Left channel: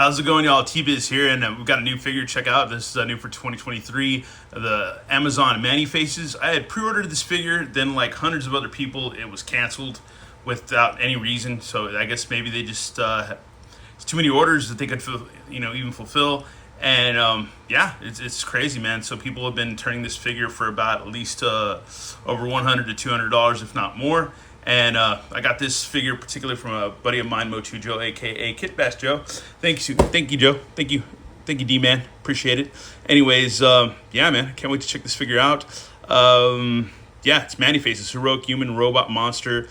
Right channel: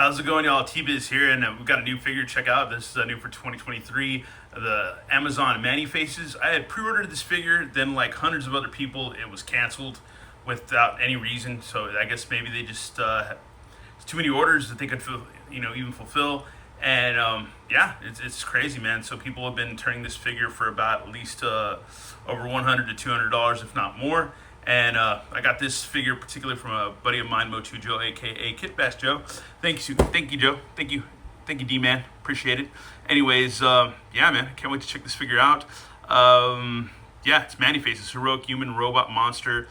How's it going, y'all? T-Biz here, and we've got a new figure to check out. This is new for 2023, the Amazon Manny Faces. I had pre-ordered this figure, then like hundreds of other people, it was canceled without any reason. So I guess maybe they just it's too many orders that they could, even fulfill. And yeah, it's crazy, man. So people have been turning this figure for about at least over $100 to $200, if not more. And I got this figure particularly from a buddy of mine, Motu Joe, aka Kit Bass Joe. Thank you, Joe. Thank you, D-Man. Appreciate it. Anyways, yeah, man, can't wait to check this figure out. Yeah, it's Manny Faces, heroic human, robot, monster,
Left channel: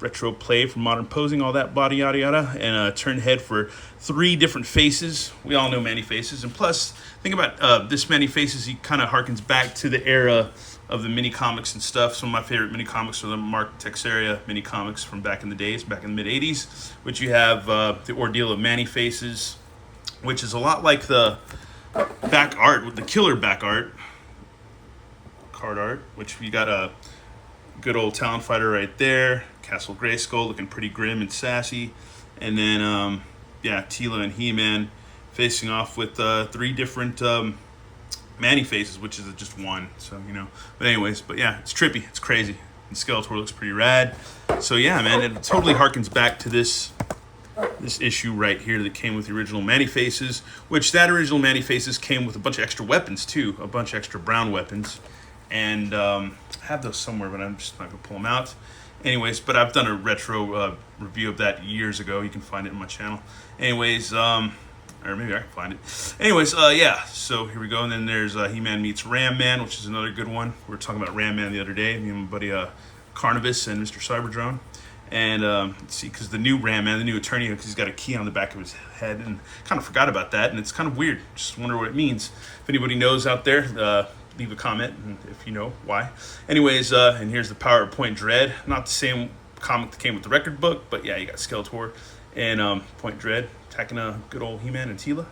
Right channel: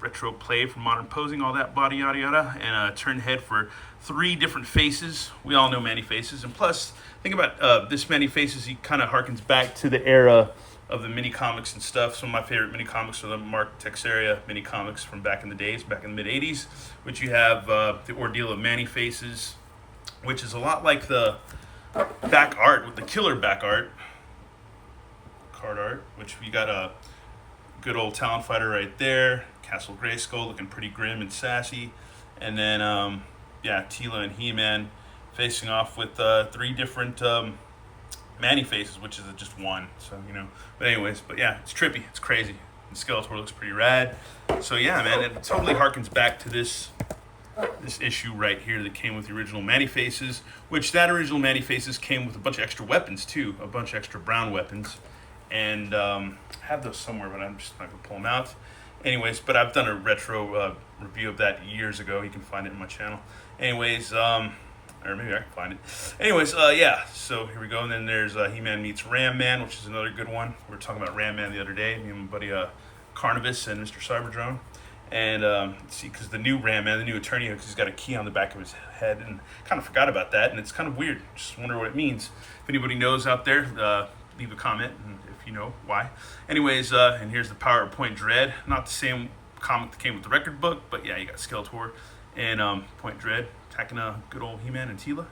retro play for modern posing, all that body yada yada, and a turned head for 3 different faces. We all know Manny Faces, and plus, think about this Manny Faces. He kind of harkens back to the era of the mini comics and stuff. Some of my favorite mini comics are the Mark Texeria mini comics from back in the days, back in the mid 80s, which you have the ordeal of Manny Faces, which is a lot like the back art, with the killer back art, card art, which we got a good old Talon Fighter right there, Castle Grayskull looking pretty grim and sassy, and then yeah, Teela and He-Man facing off with 3 different Manny Faces, which is just one, so but anyways, but yeah, it's trippy, it's crazy, and Skeletor looks pretty rad. So yeah, man, it totally harkens back to this issue right here that came with the original Manny Faces, which that original Manny Faces came with a bunch of extra weapons too, a bunch of extra brown weapons, and I have those somewhere, but I'm just not gonna pull them out. Anyways, but I've done a retro review of that years ago. You can find it on my channel. Anyways, or maybe I can find it. Anyways, yeah, so here we go. And then there's He-Man meets Ram Man, which is another good one. We were talking about Ram Man the other day, me and my buddy Carnivus and Mr. Cyberdrone. And let's see, because the new Ram Man, the new attorney, because he's got a key on the back of his head, and kind of forgot about that, and it's kind of weird. Just wonder what it means. If anybody knows out there, leave a comment, and if you know why. Anyways, and here's the PowerPoint Dread. Not the same comic that came with the record book, but yeah, you got Skeletor and Point Dread attacking a good old He-Man and Teela.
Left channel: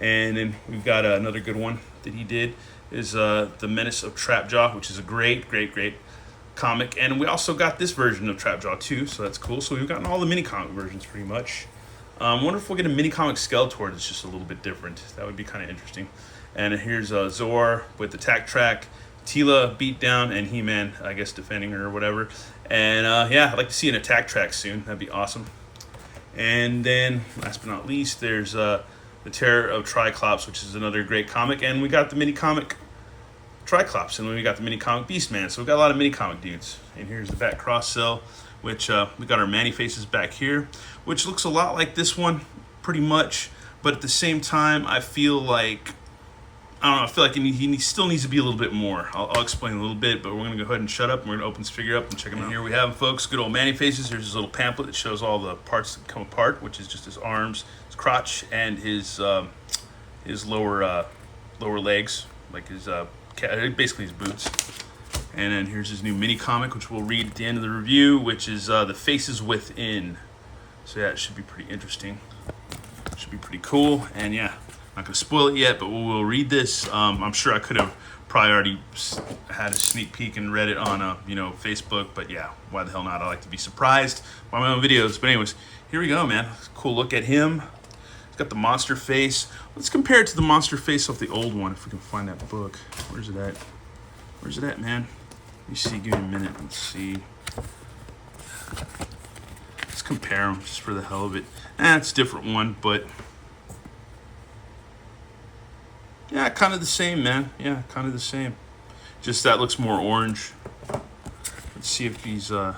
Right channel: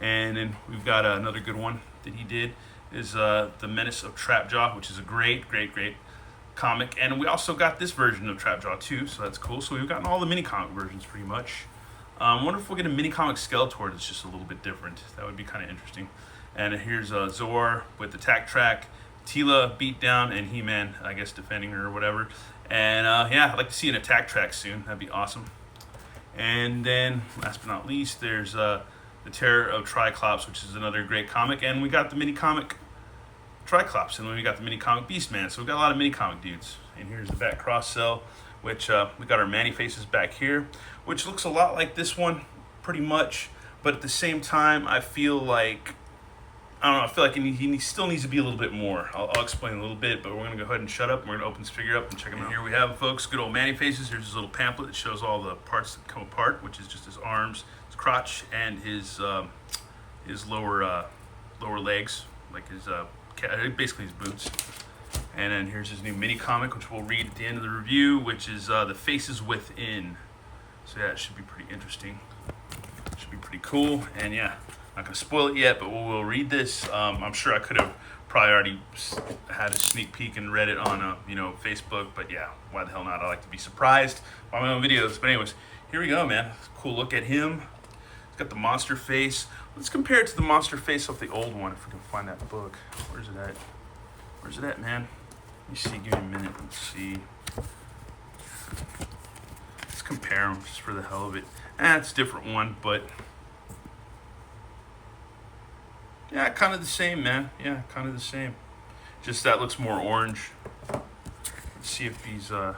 And then we've got another good one that he did is The Menace of Trapjaw, which is a great comic. And we also got this version of Trapjaw too, so that's cool. So we've gotten all the mini comic versions pretty much. I wonder if we'll get a mini comic Skeletor that's just a little bit different. That would be kind of interesting. And here's Zor with Attack Track, Teela beat down, and He-Man, I guess, defending her or whatever. And yeah, I'd like to see an Attack Track soon. That'd be awesome. And then, last but not least, there's The Terror of Triclops, which is another great comic. And we got the mini comic Triclops, and then we got the mini comic Beastman. So we've got a lot of mini comic dudes. And here's the back cross cell, which we got our Manny Faces back here, which looks a lot like this one, pretty much. But at the same time, I feel like, I don't know, I feel like he still needs to be a little bit more. I'll explain a little bit, but we're going to go ahead and shut up, and we're going to open this figure up and check him out. Here we have, folks, good old Manny Faces. Here's his little pamphlet that shows all the parts that come apart, which is just his arms, his crotch, and his lower legs, like his basically his boots. And then here's his new mini comic, which we'll read at the end of the review, which is The Faces Within. So yeah, it should be pretty interesting. Should be pretty cool, and yeah. Not going to spoil it yet, but we'll read this. I'm sure I could have probably already had a sneak peek and read it on Facebook, but yeah, why the hell not? I like to be surprised by my own videos. But anyways, here we go, man. Cool look at him. He's got the monster face. Let's compare it to the monster face of the old one, if we can find that book. Where's it at? Where's it at, man? Let me see. Give me a minute. Let's see. Let's compare them just for the hell of it. It's a different one, but yeah, kind of the same, man. Yeah, kind of the same. Just that looks more orange. Let's see if he's, yeah,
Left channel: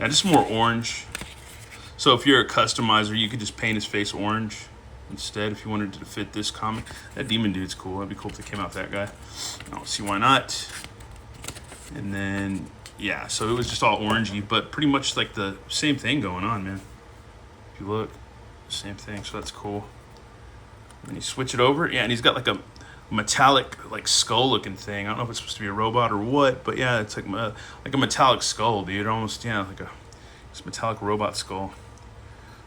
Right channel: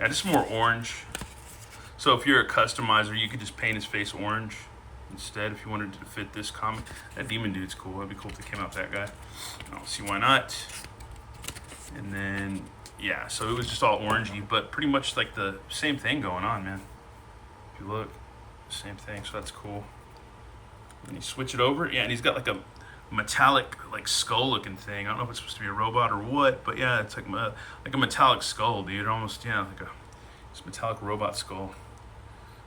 just more orange. So if you're a customizer, you could just paint his face orange instead if you wanted to fit this comic. That demon dude's cool. That'd be cool if they came out that guy. I don't see why not. And then, yeah, so it was just all orangey, but pretty much like the same thing going on, man. If you look, same thing, so that's cool. And you switch it over, yeah, and he's got like a metallic, like skull looking thing. I don't know if it's supposed to be a robot or what, but yeah, it's like a metallic skull, dude. Almost, yeah, like this metallic robot skull.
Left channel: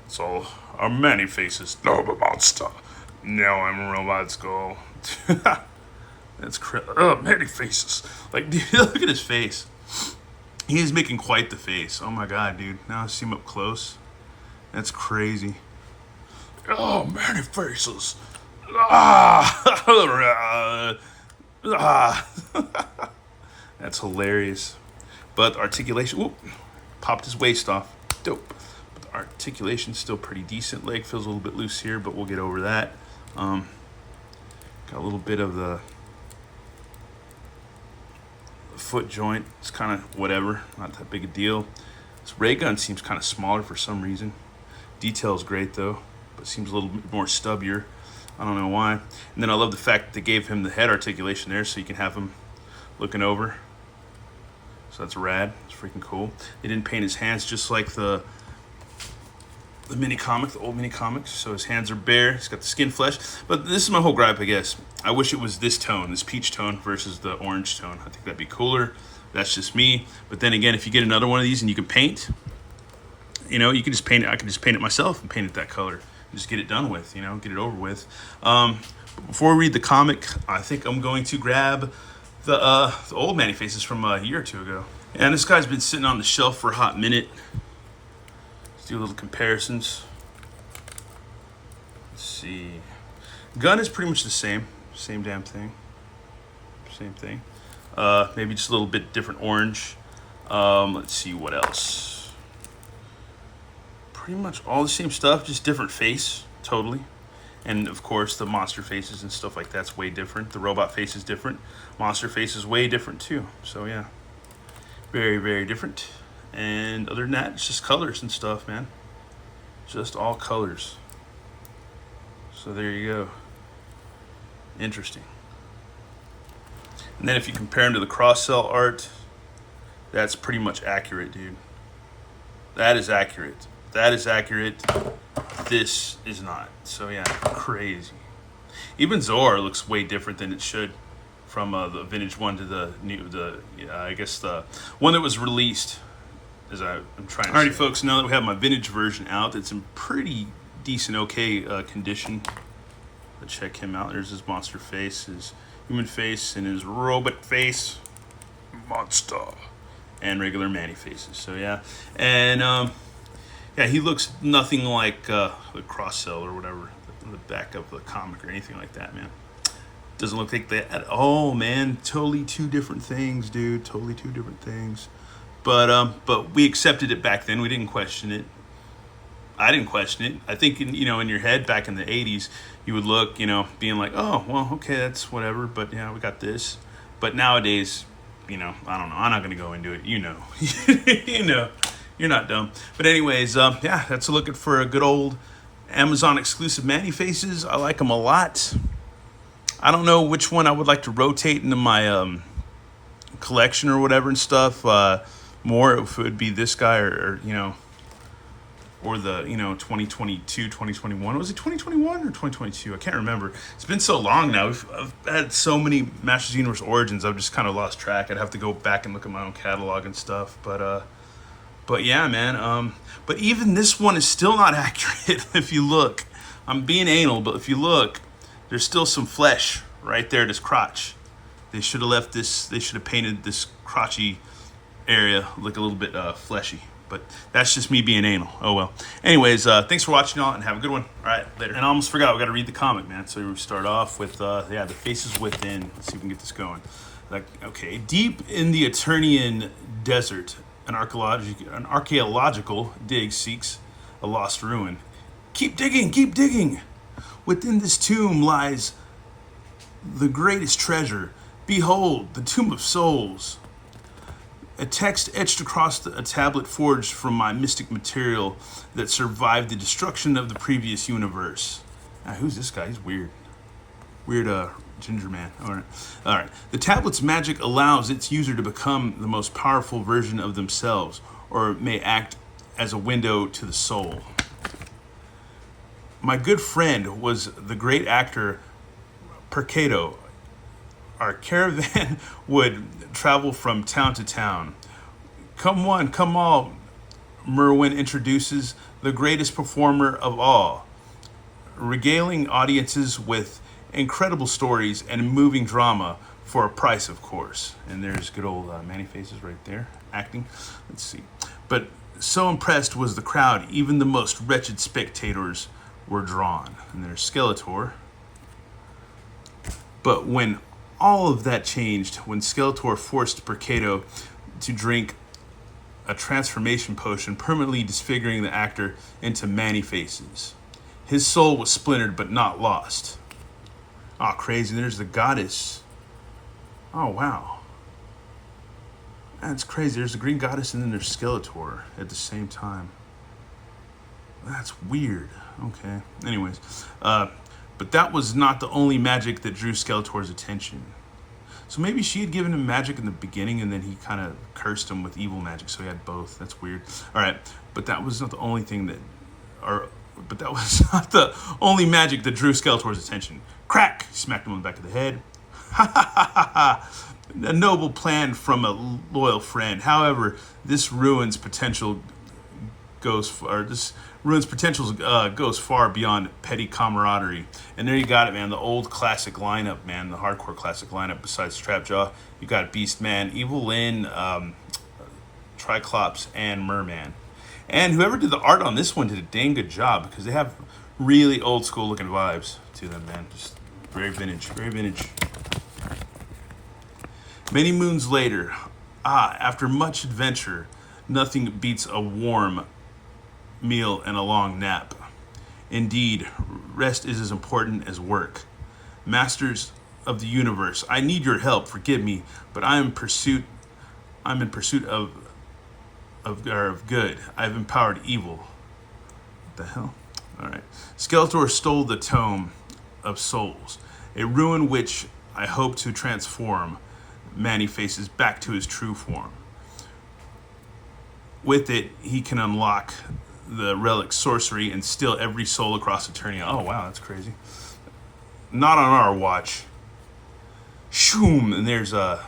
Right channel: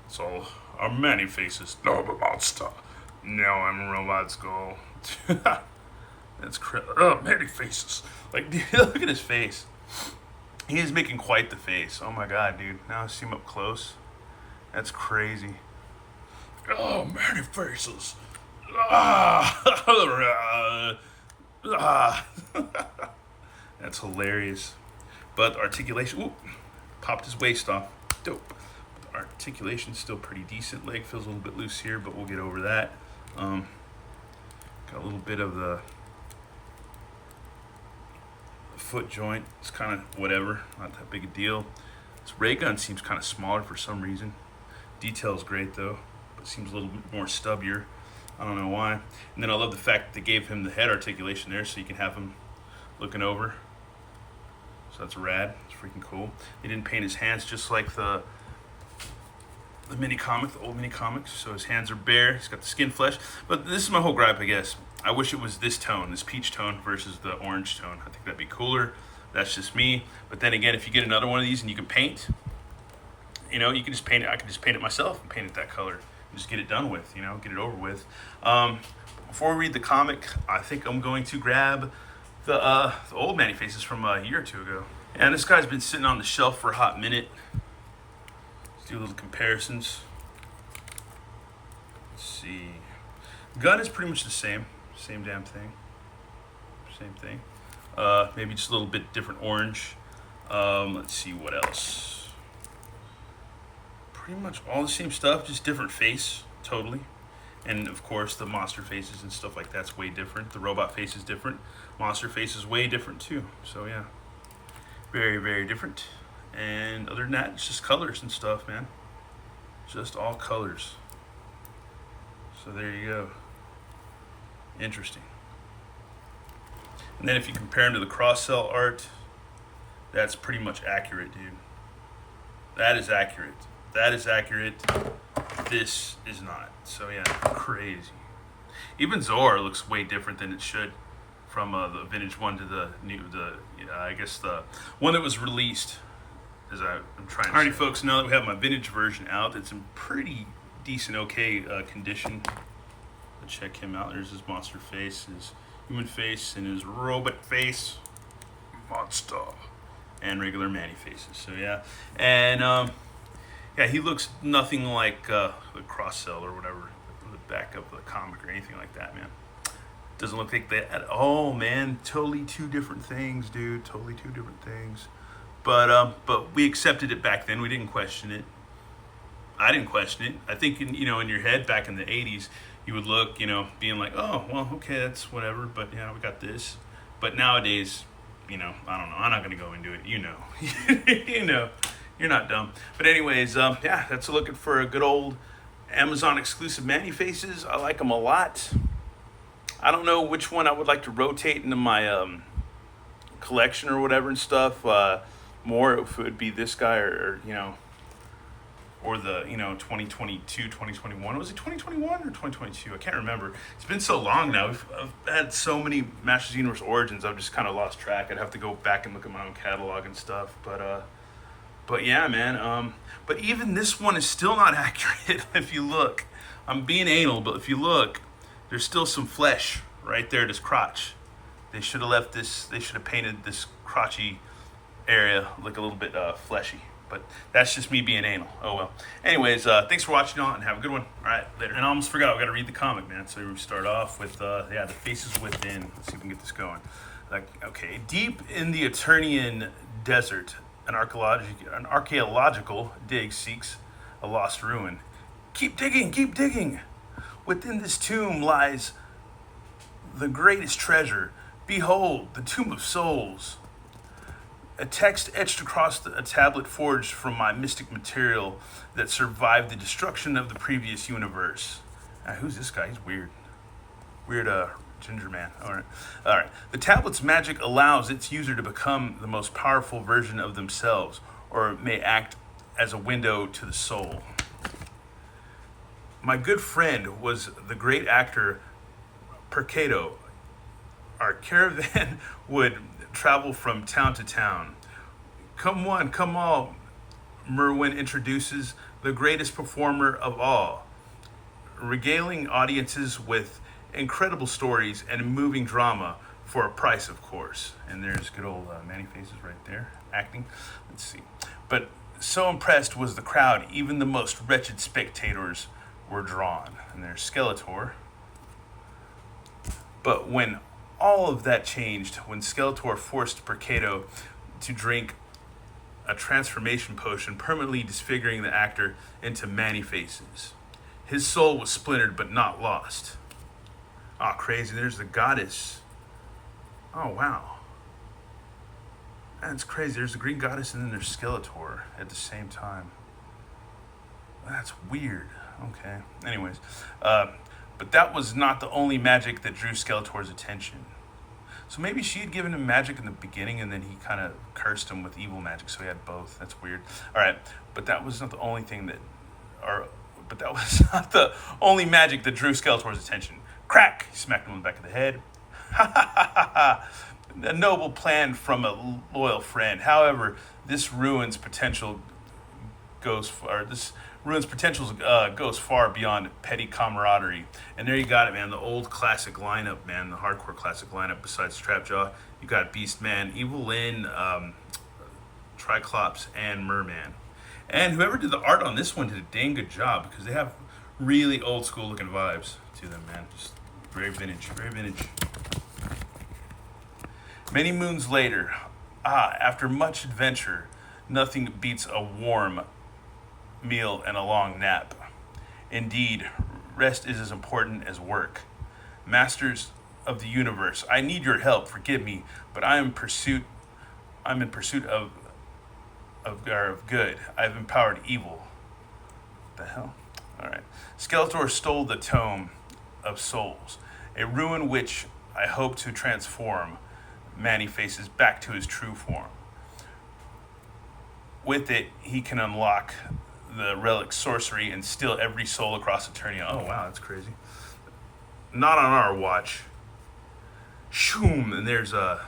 So, I'm Manny Faces. No, I'm a monster. No, I'm a robot skull. That's crazy. Oh, Manny Faces. Like, dude, look at his face. He is making quite the face. Oh my god, dude. Now I see him up close. That's crazy. Oh, many faces. Ah, ah. That's hilarious. But the articulation, whoop, popped his waist off. Dope. But the articulation's still pretty decent. Leg feels a little bit loose here, but we'll get over that. Got a little bit of the foot joint. It's kind of whatever, not that big a deal. This ray gun seems kind of smaller for some reason. Detail's great though, but seems a little bit more stubbier. I don't know why. And then I love the fact that they gave him the head articulation there so you can have him looking over. So that's rad. It's freaking cool. They didn't paint his hands just like the mini comic, the old mini comics. So his hands are bare. He's got the skin flesh. But this is my whole gripe, I guess. I wish it was this tone, this peach tone versus the orange tone. I think that'd be cooler. That's just me. But then again, if you get another one of these and you can paint, you know, you can just paint it. I can just paint it myself and paint it that color and just get it done with, you know, get it over with. Before we read the comic, I think I'm going to grab the old Manny Faces from a year or two ago. And this guy's been sitting on the shelf for a hot minute. Let's do a little comparisons. Let's see. Gun is pretty much the same damn thing. Same thing. Maybe just a little bit different orange. Let's see what else. Pretty much all the same stuff, just different face, totally. And of course, the monster faces and stuff like that's way different. The robot face is different. Monster face is way different too. So yeah, very, very different. And other than that, it's just colors and stuff, man. Just all colors. So there you go. Interesting. And then if you compare them to the cross-cell art, that's pretty much accurate, dude. That is accurate. That is accurate. This is not. So yeah, crazy. Even Zor looks way different than it should from the vintage one to the new, I guess the one that was released. As I'm trying to. Alrighty, folks. Now that we have my vintage version out, it's in pretty decent, okay condition. Let's check him out. There's his monster face, his human face, and his robot face, monster, and regular Manny faces. So yeah, and yeah, he looks nothing like the cross-cell or whatever, the back of the comic or anything like that, man. Doesn't look like that at all, man. Totally two different things, dude. Totally two different things. But we accepted it back then. We didn't question it. I didn't question it. I think in your head back in the 80s, you would look, being like, oh, well, okay, that's whatever. But yeah, we got this. But nowadays, I don't know. I'm not gonna go into it. You're not dumb. But anyways, yeah, that's looking for a good old Amazon exclusive Manny Faces. I like them a lot. I don't know which one I would like to rotate into my collection or whatever and stuff. More if it would be this guy or the 2022, 2021. Was it 2021 or 2022? I can't remember. It's been so long now. I've had so many Masters Universe Origins. I've just kind of lost track. I'd have to go back and look at my own catalog and stuff. But yeah, man. But even this one is still not accurate. If you look, I'm being anal, but if you look, there's still some flesh right there. This crotch. They should have left this. They should have painted this crotchy area look a little bit fleshy. But that's just me being anal. Oh well. Anyways, thanks for watching, y'all, and have a good one. All right, later. And I almost forgot, we got to read the comic, man. So we start off with the Faces Within. Let's see if we can get this going. Okay, deep in the Eternian desert, an archaeological dig seeks a lost ruin. Keep digging, keep digging. Within this tomb lies the greatest treasure. Behold, the tomb of souls. A text etched across a tablet forged from my mystic material that survived the destruction of the previous universe. Who's this guy? He's weird. Weird ginger man. All right. The tablet's magic allows its user to become the most powerful version of themselves, or it may act as a window to the soul. My good friend was the great actor Percato. Our caravan would travel from town to town. Come one, come all, Merwin introduces the greatest performer of all, regaling audiences with incredible stories and moving drama for a price, of course. And there's good old Manny Faces right there, acting. Let's see. But so impressed was the crowd, even the most wretched spectators were drawn. And there's Skeletor. But when all of that changed, when Skeletor forced Mercado to drink a transformation potion, permanently disfiguring the actor into Man-E-Faces. His soul was splintered but not lost. Oh, crazy. There's the goddess. Oh, wow. That's crazy. There's the Green Goddess and then there's Skeletor at the same time. That's weird. Okay. Anyways. But that was not the only magic that drew Skeletor's attention. So maybe she had given him magic in the beginning and then he kind of cursed him with evil magic. So he had both. That's weird. All right. But that was not the only thing that... But that was not the only magic that drew Skeletor's attention. Crack! He smacked him on the back of the head. Ha ha ha ha ha! A noble plan from a loyal friend. However, this ruins potential goes far beyond petty camaraderie. And there you got it, man. The old classic lineup, man. The hardcore classic lineup. Besides Trapjaw, you got Beastman, Evil Lyn, Triclops, and Merman. And whoever did the art on this one did a dang good job because they have really old school looking vibes to them, man. Just very vintage, very vintage. Many moons later, after much adventure, nothing beats a warm meal and a long nap. Indeed, rest is as important as work. Masters of the universe, I need your help. Forgive me, but I'm in pursuit of good. I've empowered evil. What the hell? All right. Skeletor stole the Tome of Souls, a ruin which I hope to transform Man-E-Faces back to his true form. With it, he can unlock the relic sorcery and steal every soul across Eternia. Oh, wow, that's crazy. Not on our watch. Shoom! And there's the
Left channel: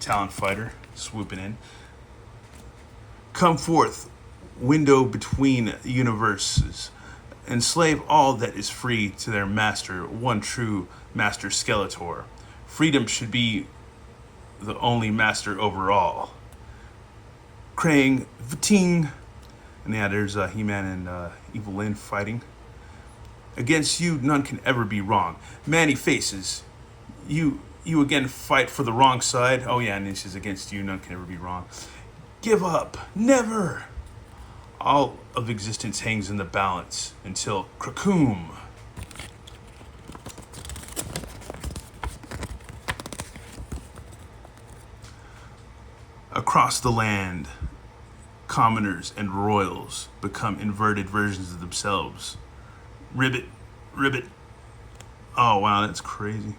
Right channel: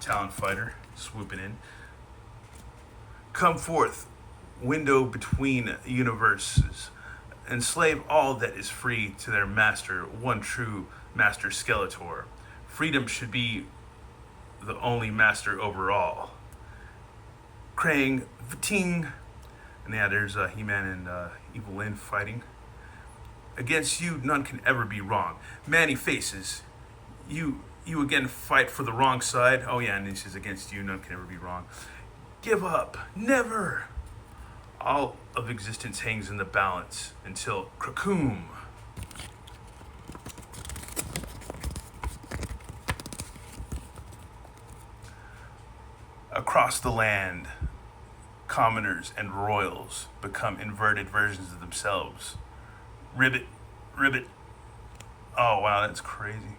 Talon Fighter swooping in. Come forth, window between universes. Enslave all that is free to their master, one true master Skeletor. Freedom should be the only master over all. Krang, Vating. And yeah, there's He-Man and Evil Lyn fighting. Against you, none can ever be wrong. Man-E-Faces, you again fight for the wrong side. Oh yeah, and this is against you, none can ever be wrong. Give up, never. All of existence hangs in the balance until Krakoom. Across the land, commoners and royals become inverted versions of themselves. Ribbit. Oh, wow, that's crazy.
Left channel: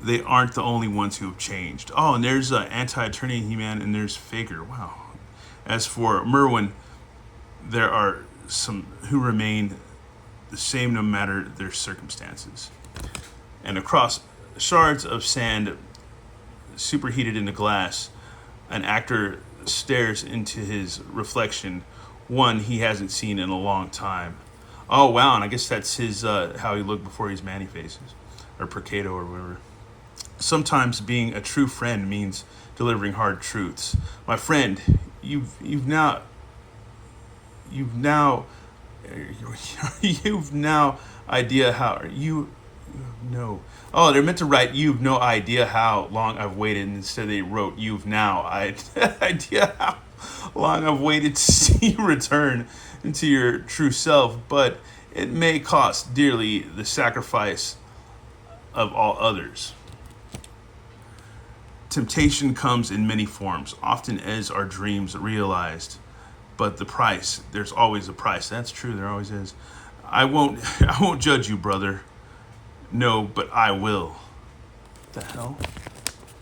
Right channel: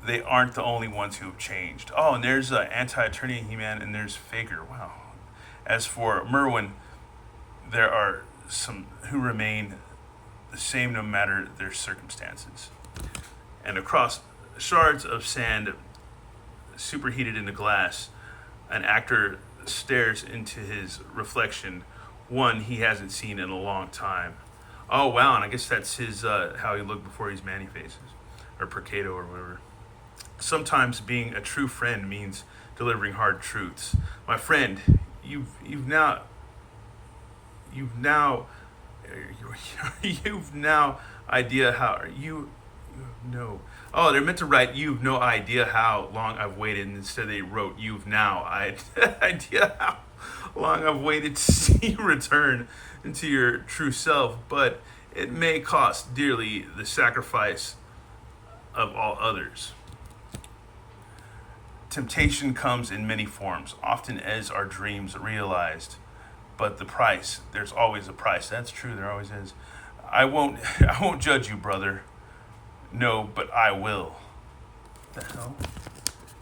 They aren't the only ones who have changed. Oh, and there's Anti-Eternia He-Man, and there's Faker. Wow. As for Merwin, there are some who remain the same no matter their circumstances. And across shards of sand superheated into glass, an actor stares into his reflection, one he hasn't seen in a long time. Oh, wow, and I guess that's his how he looked before he's Man-E-Faces, or Mercado, or whatever. Sometimes being a true friend means delivering hard truths. My friend, you've now idea how you know. Oh, they're meant to write you've no idea how long I've waited, and instead they wrote you've now idea how long I've waited to see you return into your true self, but it may cost dearly the sacrifice of all others. Temptation comes in many forms, often as our dreams realized. But the price, there's always a price. That's true, there always is. I won't judge you, brother. No, but I will. What the hell?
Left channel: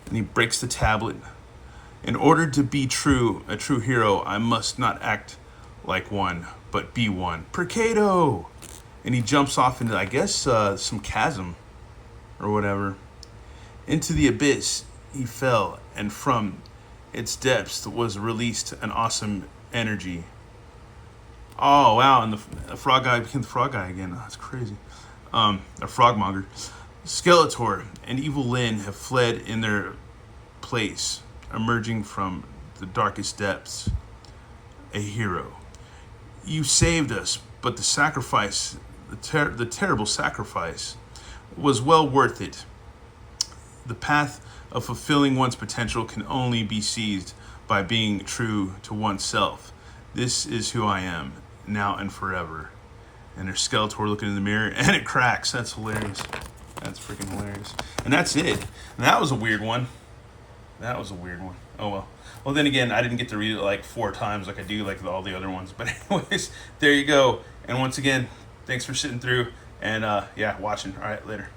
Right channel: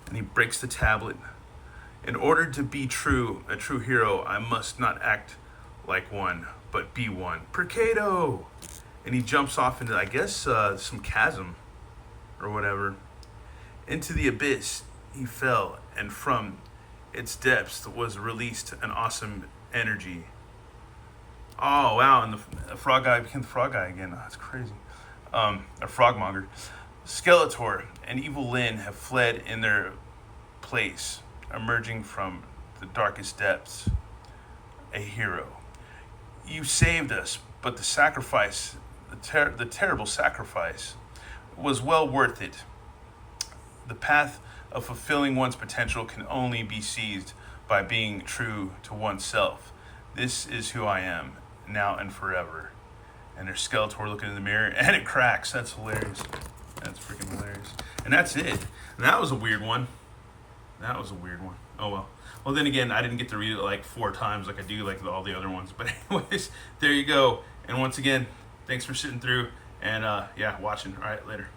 And he breaks the tablet. In order to be a true hero, I must not act like one, but be one. Mercado! And he jumps off into, I guess, some chasm or whatever. Into the abyss he fell, and from its depths was released an awesome energy. Oh, wow, and the frog guy became the frog guy again. Oh, that's crazy. A frogmonger. Skeletor and Evil Lyn have fled in their place, emerging from the darkest depths. A hero. You saved us, but the sacrifice, the terrible sacrifice, was well worth it. The path of fulfilling one's potential can only be seized by being true to oneself. This is who I am, now and forever. And there's Skeletor looking in the mirror, and it cracks. That's hilarious. That's freaking hilarious. And that's it. And that was a weird one. That was a weird one. Oh well. Well, then again, I didn't get to read it like 4 times like I do like all the other ones. But anyways, there you go. And once again, thanks for sitting through and yeah, watching. All right, later.